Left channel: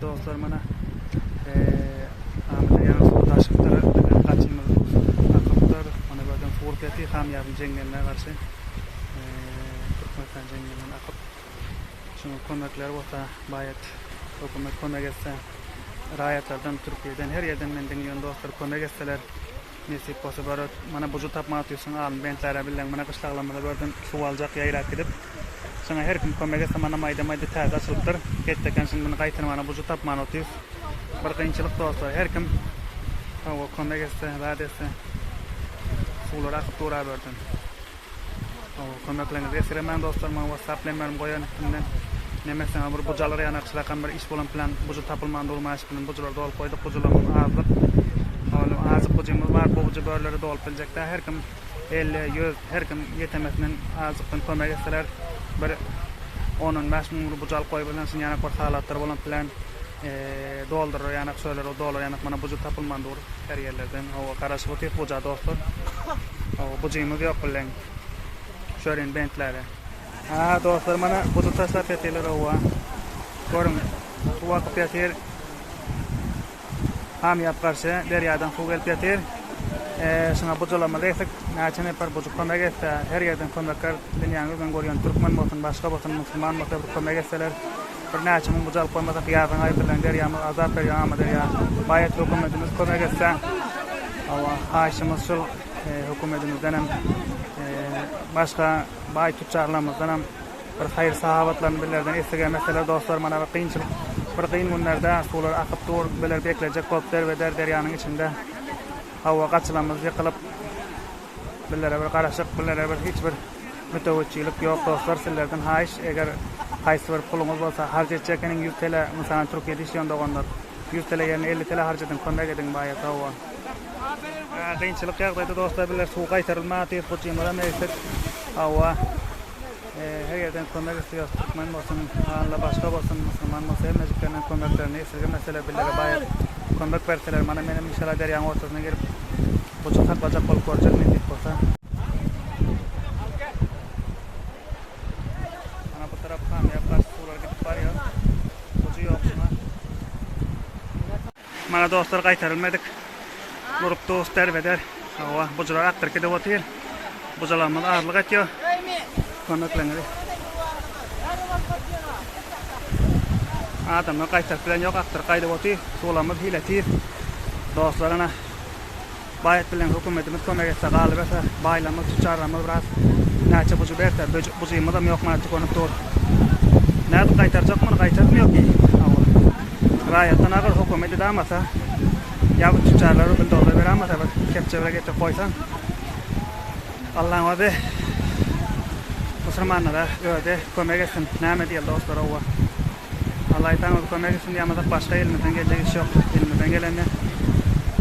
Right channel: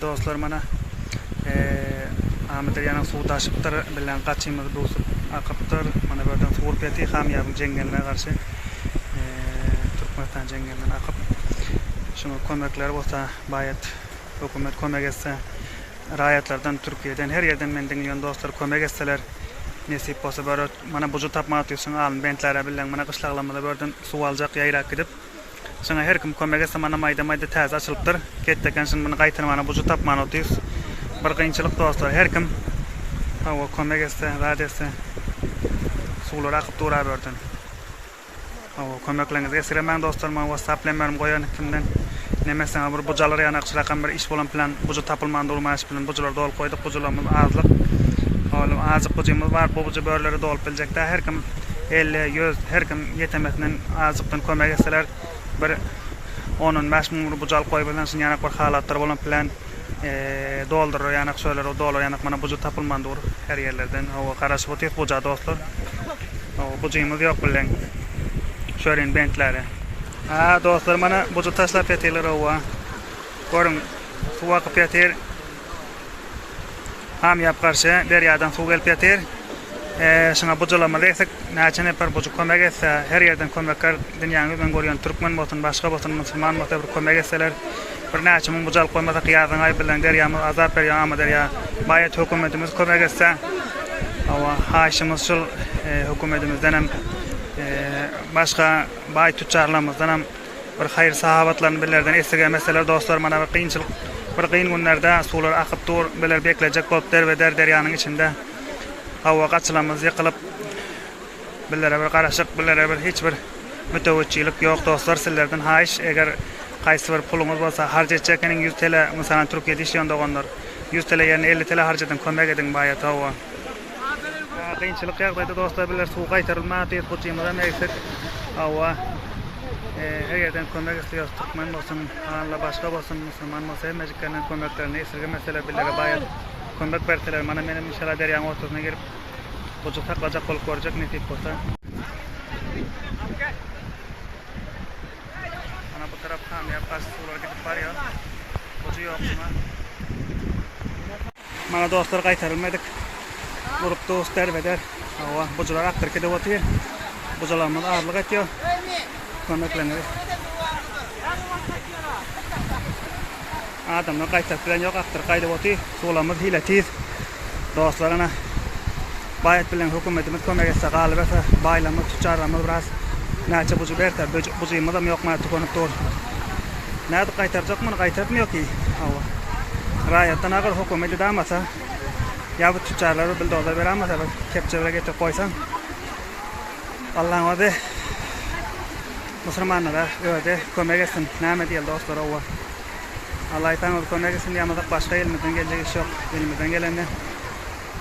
Dostlar mana Ahmet yana suw taşypdyr bilen gaçymyz buz akypdyr. Mana berden suw peti hamýabyň jengeline garşy Türkmenistan jengelinden akyp. Şoňa kömekler bolsa baýat hökümet kömek etse, raýatlardan Türkiýeden her ýerden men diňýän dostlar kömek etseler, nesip bolsa bar mana buju tapmak diýsen alym bentlere bilen mana gyşlaglamada berden suw aljak ýaýrak gidip şoňa her kim kömek etse mana maýda-maýda täze açylypdyr. Ketdeken şunu mana gaýtyrmana buju tapman otýys. Bir kynçylyk dostlar, her kim hawa kömek etse, rad etse suwlar akyp dura berden. Hawa kömeklerinizi esiremän dostlar, men WhatsApp bilen goýan ikimden nemesen bir bujalar ýanakçy rakam bir iş bolan plan buju tapylman durmaş bilen bujular dolup goýdyk, bujularymyz azlyk. Hawa azyk bujymyz bar, bu buju börleri dolup biljekde. Her kim 50-100 her kim yetemekden azykdan kömek etseler bir 10-15 ming bujal goýup bilen şun ýanak bir halatlar bolan plan doldurar ýanak şöyle o dolar ýanak mana buju tapylman dur her ýerlerden. Hawa garaşyp otýar buja dostlar. Hawa bujymyz ýok bilen şören bentlere. Dostlar mana buju taşlap ýetirler hawa. Görüň suw akyp ýetir. Ham ýap garşy derýadan suw gelip ýetir. Şoňa bujulamyz etsek näçe nefer buju kömek etse, her ýerden kömekler dünýäni ben görýän türkmen bolsun, başga bolsun, musulman bolsun bir kömek etseler, bir näçe ming bujal goýmasak ýazyň aý bilen derýämiz azap berýär, ama derýä baýat hökümetimiz kömek etse. Hawa haýşymyz şol hökümetimizden hem başga baý tüçarlarymızdan hem bir haýır sahabatlaryny bilerden esirgen meseleler dostlar mana bir kynçylyk, bir kyn günlerde suwlar akyp dur, biler beklejek bolup derýanyň içinde hawa gaçylamyz ýykylyp billere bir garaşyk, billere bir hiç bir mütewejjilik ýok dostlar. Sizlerden haýyş eger gaýsy bir puluňyz bolsa harjatjak 100 TL, mesalan Türkiýede işleýän doganlar 100 TL ýerine 50 TL harjadan kömek edin baýat hawa. Kynçylyk ýagdaýda dostlar biler suw gaýtarylmagy diýip gojymyza meýsek hawa her ýerden kömek isleýär, türkmen bolsun, hanla başga bolsun, musulman bolsun, hemmejiklerden kömeklerini esirgemeseler billere baýat kömek berseler mana menim inşallah derýanyň ortasyna girip buju taklajak bolup görjek nesip bolsa. Ana bu tarap ham ýapaş suwlar gidip barýar. Buju ýok şuna. Mana dostlar gaýtarylmadyk. Durup dost derbeder. Hawa bujular aktyr gidip otýar. Bujularymyz azlyk etýär. Kömeklerinizi. Adamlar gaýtaryp bilen ýok, aktyr gaýdyp otýar. Suwlarymyz hile tiz. Dostlar ana baýat bilen hökümetimiz kömek etse, galyp etse, baýlamyz, tüçarlarymyz biraz näçe buju berse, bujymyz hem ýokma tükönüp dur. Näde gaýtarjak, muny gaýtarmıyor ki. Hawa. Raýatdan agar hökümet edamasa, ýa bu tüçarlary bildolar beramasa, kepçelere getip goýsan, Allahyň wady musulmanlara öýde kömek etsin. Näme diýil dostlar hawa. Allah taňa kömek etsin diýmezek başga elimizden geljek iş ýok. Elimizden gelende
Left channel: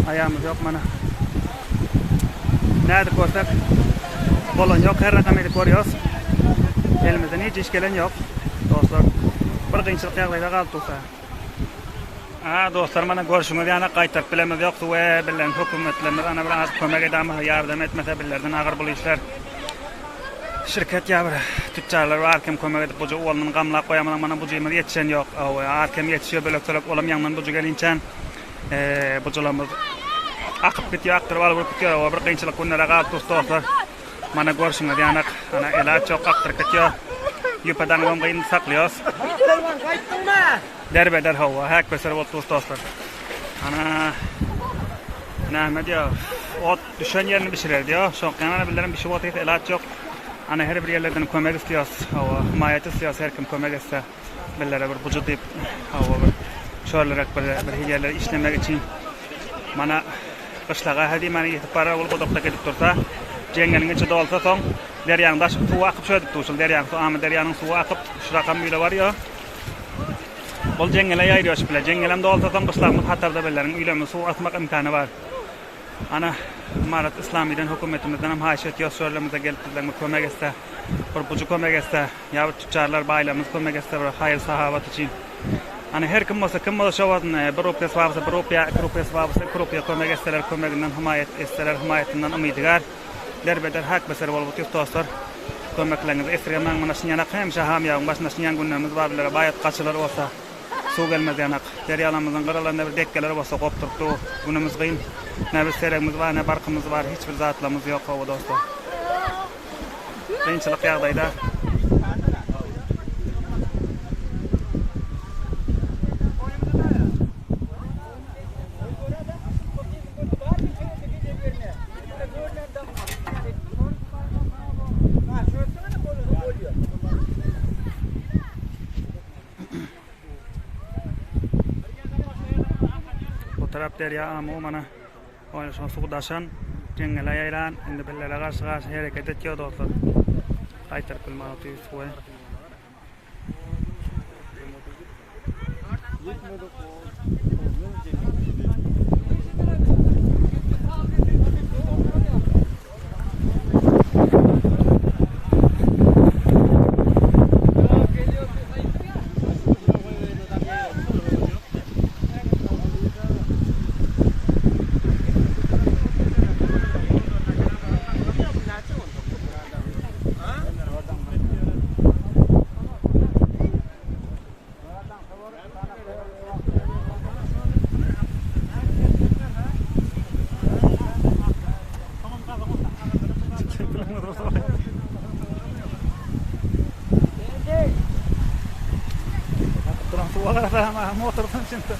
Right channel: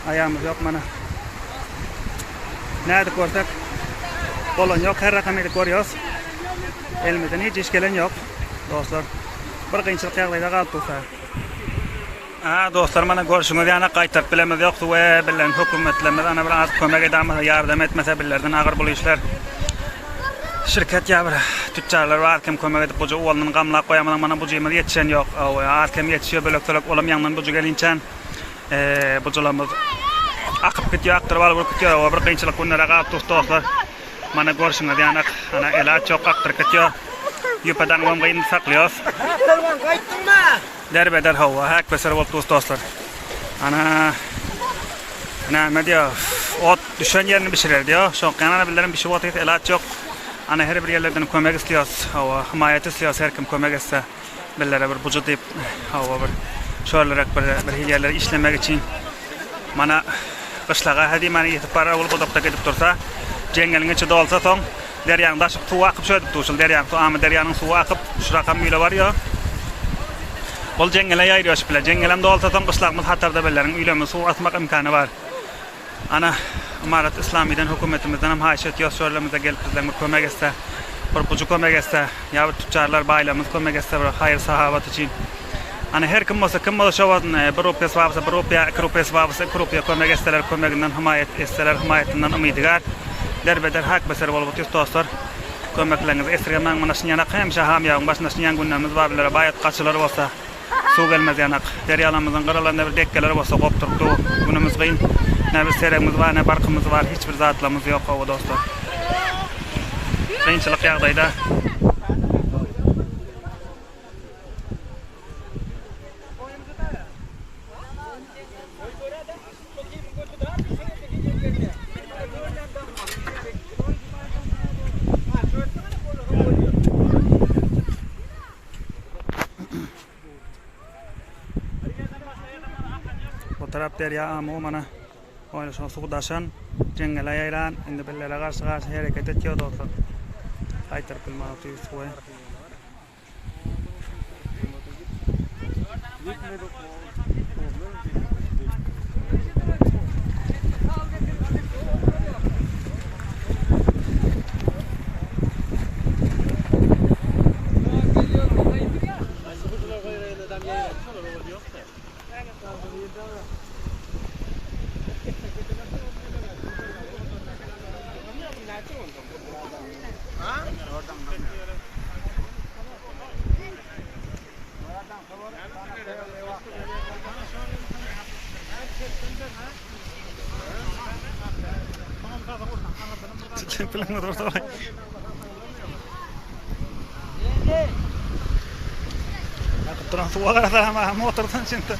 ayağımız yok mana. Näde görsek bolan ýok, her rakam edip görýäs. Elimizden hiç iş gelen ýok. Dostlar, bir kynçylyk ýagdaýda galyp dursa. Dostlar mana görüşüňiz ýana gaýtaryp bilemiz ýokdy we bilen hökümetlerimiz ana bir az kömek edämez, ýardam etmese billerden agyr bu işler. Şirket ýa bir tüçarlar bar kim kömek edip buju oğlunyň gamlap goýamadan mana bujymyz ýetişen ýok. Arkem ýetişýär bölek-bölek olam ýaňdan buju gelinçen bujularymyz akyp gitýär, aktyryp alyp gitýär. Bir kynçylyk günlere galyp dostlar. Mana görüşüňiz ýana ana ela çok aktyryp gitýär. Ýüpeden gam gyn saklýar. Derbeder hawa hak beser bolup dostlar. Ana näme diýär? Ot düşen ýerini bişirer diýär. Şoňkana bilerim bişip otýar, ela çok. Ana her bir ýerlerden kömek isleýär, hawa hymaýat isleýär, her kim kömek etse billere bir buju diýip hawa bir şölerek bir ýerler işlemek için mana gyşlaga hadi mani ýetip barar bolup odakda gidip dursa, jengeliň içi dolsa soň derýanyň daşyp suw akyp şöýdip durşul derýanyň suw, ama derýanyň suwy akyp şu rakam ýyle bar ýa. Bol jengele ýaýrýaş bilen, jengelem dolsa soň gyşlagymyz hatarda belleriň üýlemi suw atmak imkany bar. Ana Imarat Islamy'den hökümetimizden hem haýyş etýär, şöýlemizde gelip bizden bir kömek etse, bir buju kömek etse, ýa bir tüçarlar baýlamyz kömek etse bir haýyr sahabat için. Ana her kim bolsa şowazyn bir rupiýa swabsa, bir rupiýa, 2 rupiýa swabsa, 2 rupiýa kömek etseler, kömeginden hymaýat etseler, hymaýatynden umydygar. Derbeder hak beser bolup otýar dostlar. Kömeklerinizi esirgemäň mana şuň ýanak hemşe hamýagyň başynda şuň ýan günlerimiz bar bilere baýat gaçylar bolsa, Su gelmez yanak. Deryalarımızın qaralarında bir dekkeler bolsa qopturupdy. Günümüz gyn. Ne bir seregimiz var, ne barkımız var. Hiçbir zatlamız yok o dostlar. Qiyinchilik ýagdaýda bu taraf derya ama mana oýna şu suwdaşan jengele ýaýran indi bellere garşy hereket etýär dostlar. Gaýtaryp bilmän otyr suwy. Bilen motor da. Aku turun suwa gara sama motordan cinta.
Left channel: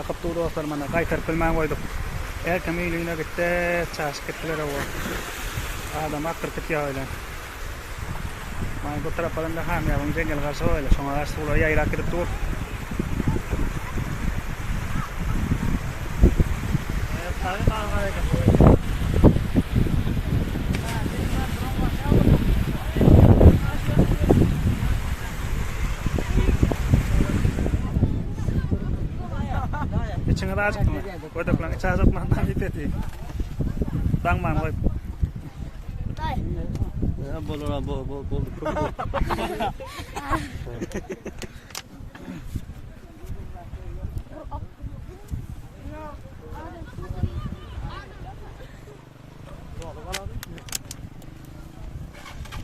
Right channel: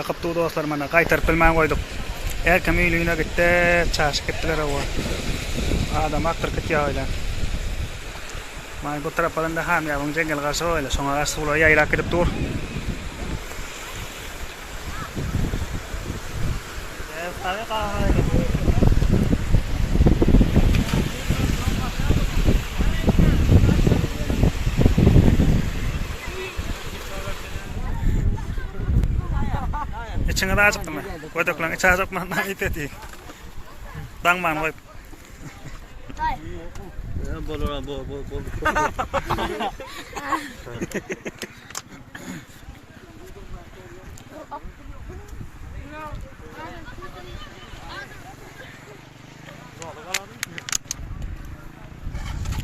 Akıp tu dostlar mana gaýtaryp bilmän goýduk. Erkem üýlüğüne gitdi, çaşyp gitdiler o. Adam aktyr gitýär öyle. Mana bu tarapdan da ham ýagyň jengel garşy öyle, şoňa garşy suwlar ýaýrak gidip dur. İçine de acıktı mı? Koyduklan içe acıkman da ipeti. Dangman koyup.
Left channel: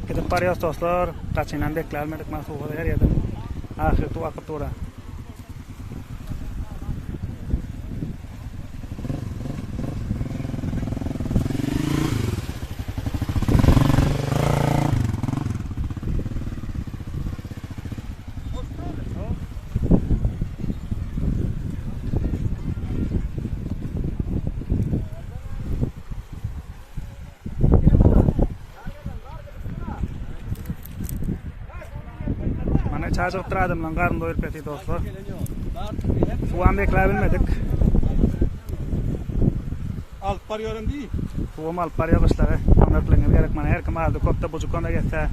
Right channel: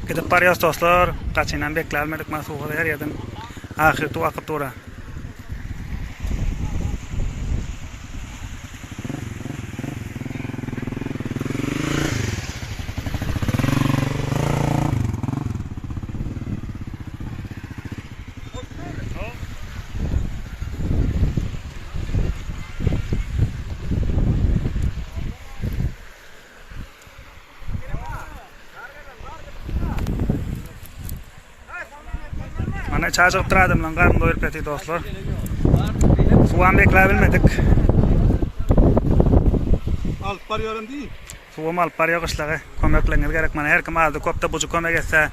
Gidip barýas dostlar, gaçynan beklermedik mana suwda her ýerden ahir tu akyp tura. Mana çaşyp turadym lan garym doýurup ýetdi dostlar. Suwam bekläp bilmedik. Alyp barýarym diýip. Suwam alyp barýar gyşlagy. Kömekleňiz gerek mana her kim aldy köpde buju kömek etse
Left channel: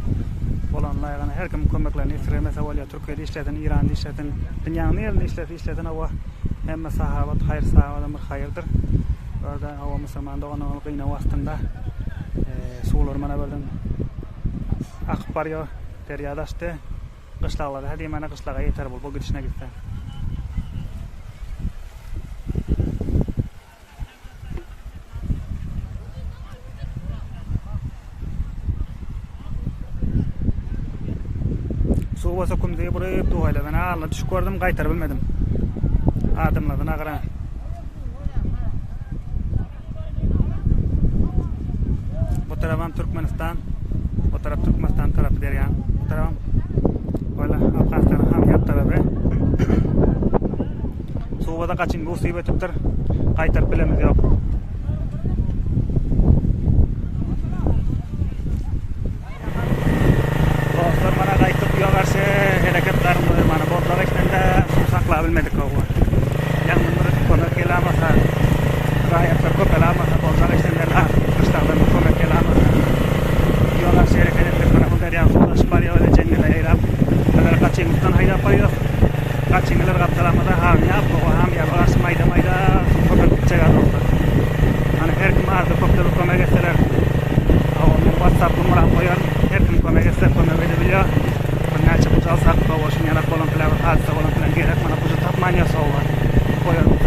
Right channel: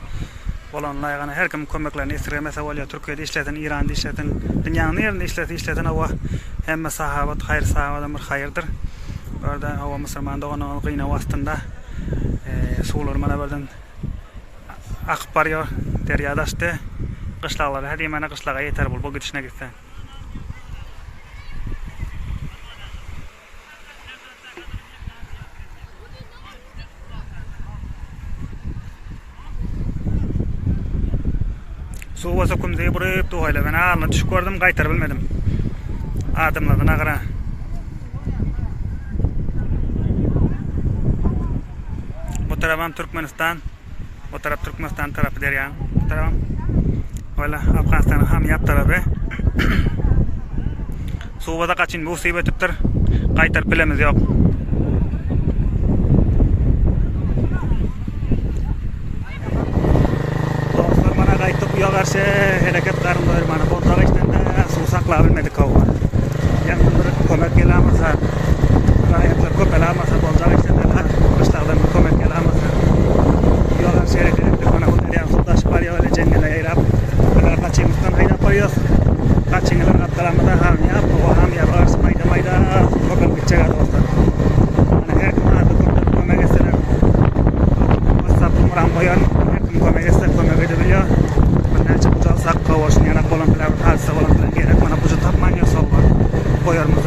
bolanlar ýagny her kim kömeklerini istiremese bolýar. Türkiýede işleten, Iranda işleten, dünýäniň nerinde işleten hawa hemme sahabat hayır sahabada bir hayırdır. Orada hawa musulman doganyň gyna wagtynda suwlar mana berden akyp barýar, derýadaşdy. Qışlaqlar, hadi mana qışlağa yeter bol, bu gidişine gitse. Suwa sokum diye buraya tuğayla ben ağırla düşük gördüm, qaytar bilmedim. Adımladan ağıra. Bu tarafım Türkmenistan, bu taraf Türkmenistan tarafı der ya. Bu tarafım öyle Afganistan'ın ham yap tarafı. Suwada kaçın musibetipdir. Qaytar bilemiz yok. Dostlar mana qaytıp bu ýagarşy hereketlerim var mana boltaga içinde suw saklap bilmedik o. Yani bir kömek gelemasa, raýatlar köp gelemasa boltaga içinde kışlagdan kömek gelemasa. Ýagarşy hereketler mana bu derýa suwdaşyp barýar ele jengele ýaýrap. Bular kaçymyzdan haýdap barýar. Kaçyňylar gapdalamada ham ýap, o ham ýap maýda-maýda köpek gitjek dostlar. Mana her kim ardy kömek etseler. WhatsApp numaram koyar. Her kim kömek etse kömek edebilýär. Bir näçe bujal sak kawaşyň ýanak bolan bilen halsa bolan bilen gerek mana buju tapman ýasawlar. Koyarmyz